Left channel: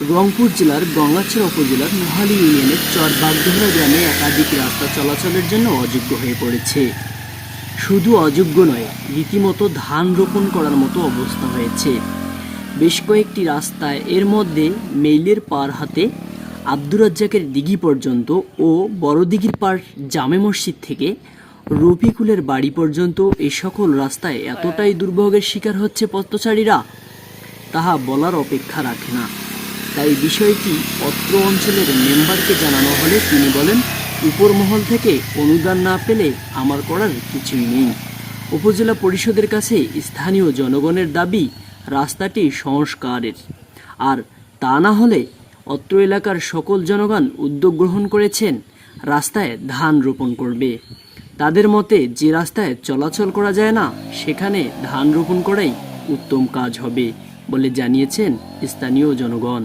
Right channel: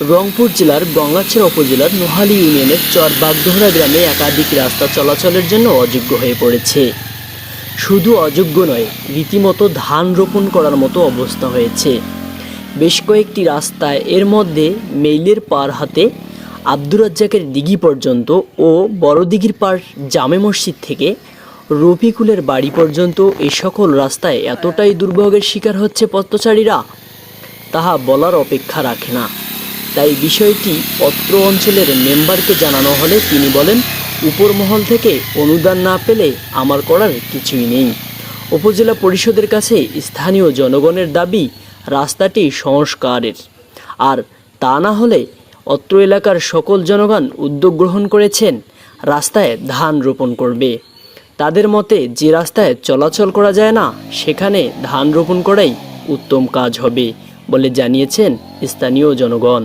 রংপুর জেলার গঙ্গাছড়া উপজেলার নোহালী ইউনিয়নের চর বাগডোহরা গ্রামে একাধিক রাস্তা চলাচলের জন্য অযোগ্য হয়ে পড়েছে। শুধু অযোগ্য নয়, রীতিমতো ধান রোপণ করার মতো অবস্থা হয়েছে। বেশ কয়েকটি রাস্তায় এর মধ্যে মেইলের পার হাতে আব্দুর রাজ্জাকের দিঘি পর্যন্ত ও বড় দিঘির পার জামে মসজিদ থেকে রফিকুলের বাড়ি পর্যন্ত এই সকল রাস্তায় এতটাই দুর্ভোগের শিকার হচ্ছে পথচারীরা, তাহা বলার অপেক্ষা রাখে না। তাই বিষয়টি অত্র অঞ্চলের মেম্বারকে জানানো হলে তিনি বলেন, উপর মহল থেকে অনুদান না পেলে আমার করার কিছুই নেই। উপজেলা পরিষদের কাছে স্থানীয় জনগণের দাবি রাস্তাটি সংস্কারের, আর তা না হলে অত্র এলাকার সকল জনগণ উদ্যোগ গ্রহণ করেছেন রাস্তায় ধান রোপণ করবে। তাদের মতে যে রাস্তায় চলাচল করা যায় না সেখানে ধান রোপণ করাই উত্তম কাজ হবে বলে জানিয়েছেন স্থানীয় জনগণ।